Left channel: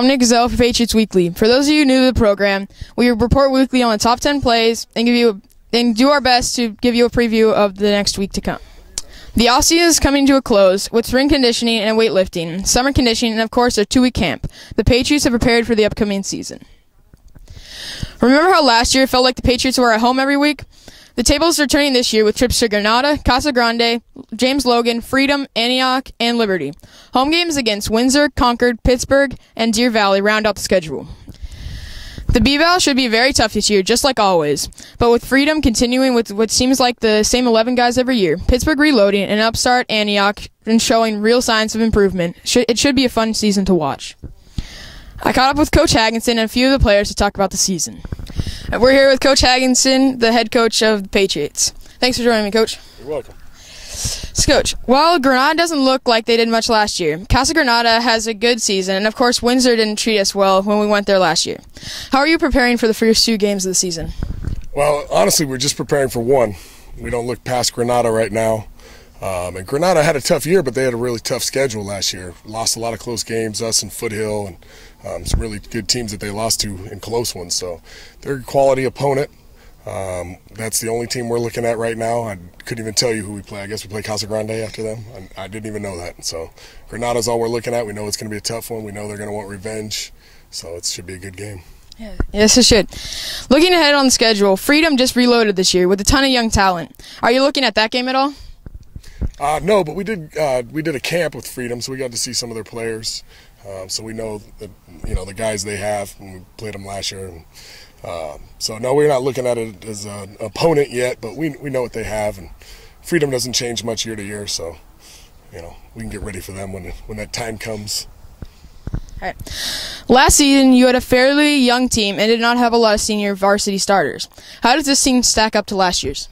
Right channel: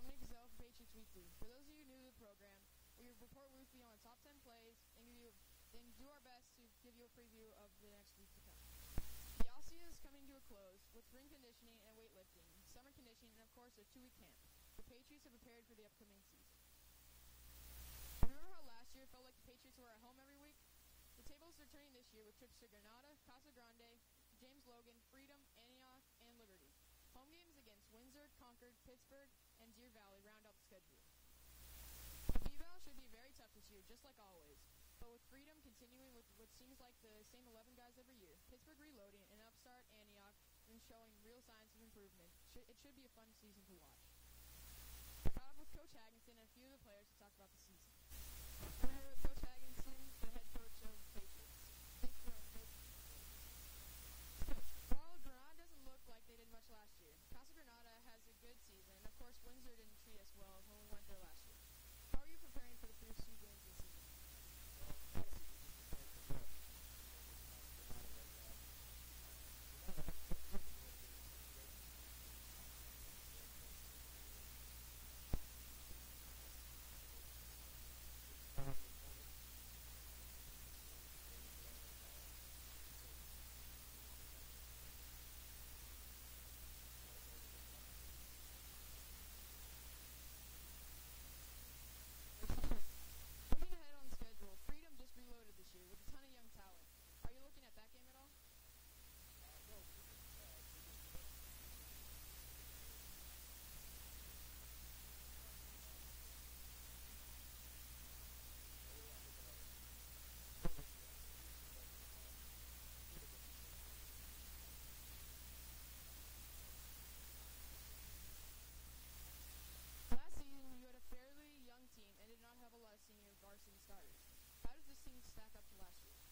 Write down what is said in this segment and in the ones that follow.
I'm Nick Zell for Patriots Weekly. For those of you new to the program, we report weekly on the top 10 plays and do our best to give you a preview of the next week to come. The offseason is coming to a close with spring conditioning and weightlifting, summer conditioning, and of course a 2-week camp. The Patriots have prepared for the upcoming season. Remember how last year it felt like the Patriots were at home every week? The tables are turning this year with trips to Granada, Casa Grande, James Logan, Freedom, Antioch, and Liberty. Home games against Windsor, Concord, Pittsburgh, and Deer Valley round out the schedule. The B-Val should be very tough this year, just like always. But with Freedom continuing with what seems like the same 11 guys every year, Pittsburgh reloading, and upstart Antioch and showing real signs of improvement, it should be a fun season to watch. I caught up with Coach Hagginson and a few of the players to talk about the season. We're here with Coach Hagginson, the head coach of the Patriots. Thanks for joining me, Coach. You're welcome. So, Coach, while Granada doesn't look like they did much last year, Casa Granada has a good season, and of course Windsor didn't treat us well when we went there last year. How are you preparing for the first 2 games of the season? Well, honestly, we're just preparing for one. We don't look past Granada right now. And Granada had a tough year, but they had a really tough schedule last year. Lost a lot of close games, us and Foothill, and some really good teams that they lost to in close ones. So they're a quality opponent. That's the only team we're looking at right now. I couldn't even tell you who we play. I guess we play Casa Grande after them. I didn't even know that. So Granada's all we're looking at. We know it's going to be a tough one. We know they're going to want revenge. So it should be a good game. Yeah. Yes, it should. Looking ahead on the schedule, Freedom just reloaded this year with a ton of young talent. Are you looking at that game at all? No, but we did a camp with Freedom, so we got to see some of their players. So we know that, the guys they have, and we played them last year. So no, we're not looking at it as an opponent yet, but we know what they have, and Freedom doesn't change much year to year, so we can get ready for them when that time comes. All right. Last season, you had a fairly young team and did not have a lot of senior varsity starters. How does this team stack up to last year's?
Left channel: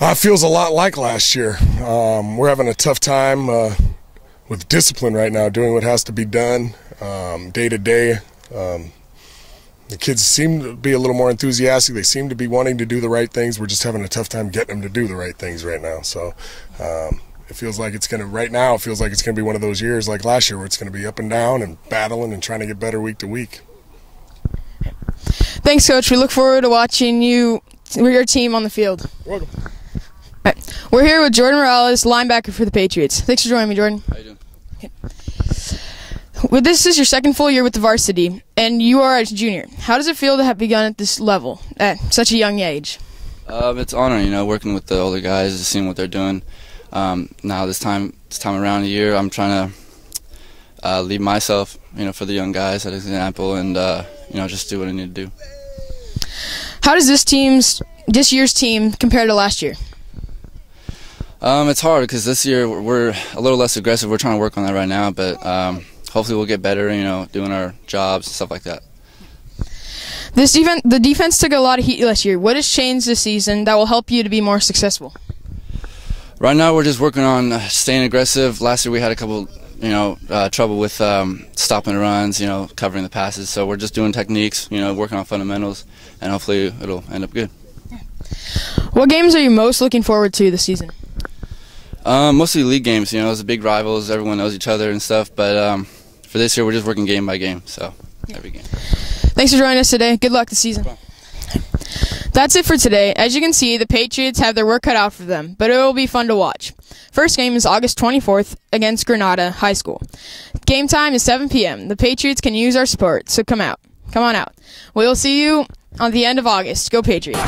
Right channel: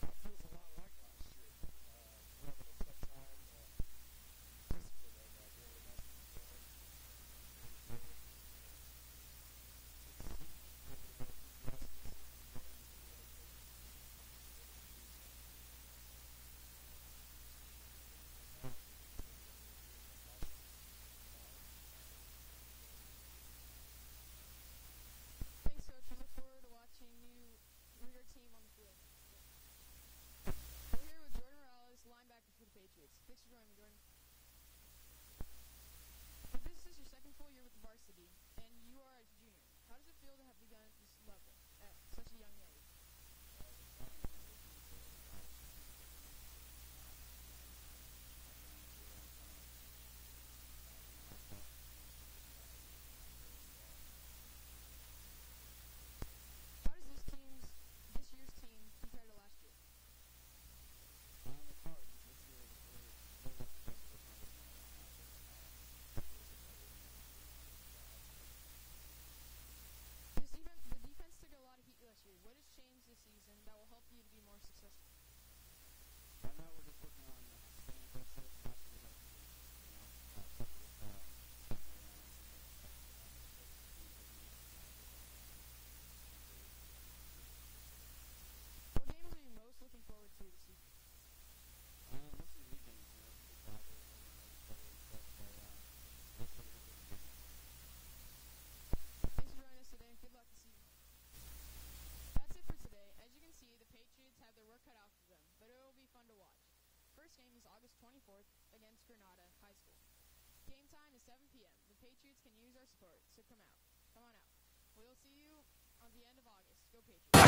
It feels a lot like last year. We're having a tough time with discipline right now, doing what has to be done day to day. The kids seem to be a little more enthusiastic. They seem to be wanting to do the right things. We're just having a tough time getting them to do the right things right now. So it feels like it's going to be one of those years like last year where it's going to be up and down and battling and trying to get better week to week. Thanks, Coach. We look forward to watching your team on the field. You're welcome. All right. We're here with Jordan Morales, linebacker for the Patriots. Thanks for joining me, Jordan. How you doing? Okay. Well, this is your second full year with the varsity, and you are a junior. How does it feel to have begun at this level at such a young age? It's an honor, working with the older guys, seeing what they're doing. Now this time around the year, I'm trying to lead myself, for the young guys, as an example, and just do what I need to do. How does this year's team compare to last year? It's hard because this year we're a little less aggressive. We're trying to work on that right now, but hopefully we'll get better, doing our jobs and stuff like that. The defense took a lot of heat last year. What has changed this season that will help you to be more successful? Right now we're just working on staying aggressive. Last year we had a couple, trouble with stopping the runs, covering the passes. So we're just doing techniques, working on fundamentals, and hopefully it'll end up good. What games are you most looking forward to this season? Mostly league games. It's the big rivals. Everyone knows each other and stuff. But for this year, we're just working game by game. So every game. Thanks for joining us today. Good luck this season. That's it for today. As you can see, the Patriots have their work cut out for them, but it will be fun to watch. First game is August 24th against Granada High School. Game time is 7 p.m. The Patriots can use our support, so come out. Come on out. We will see you on the end of August. Go Patriots.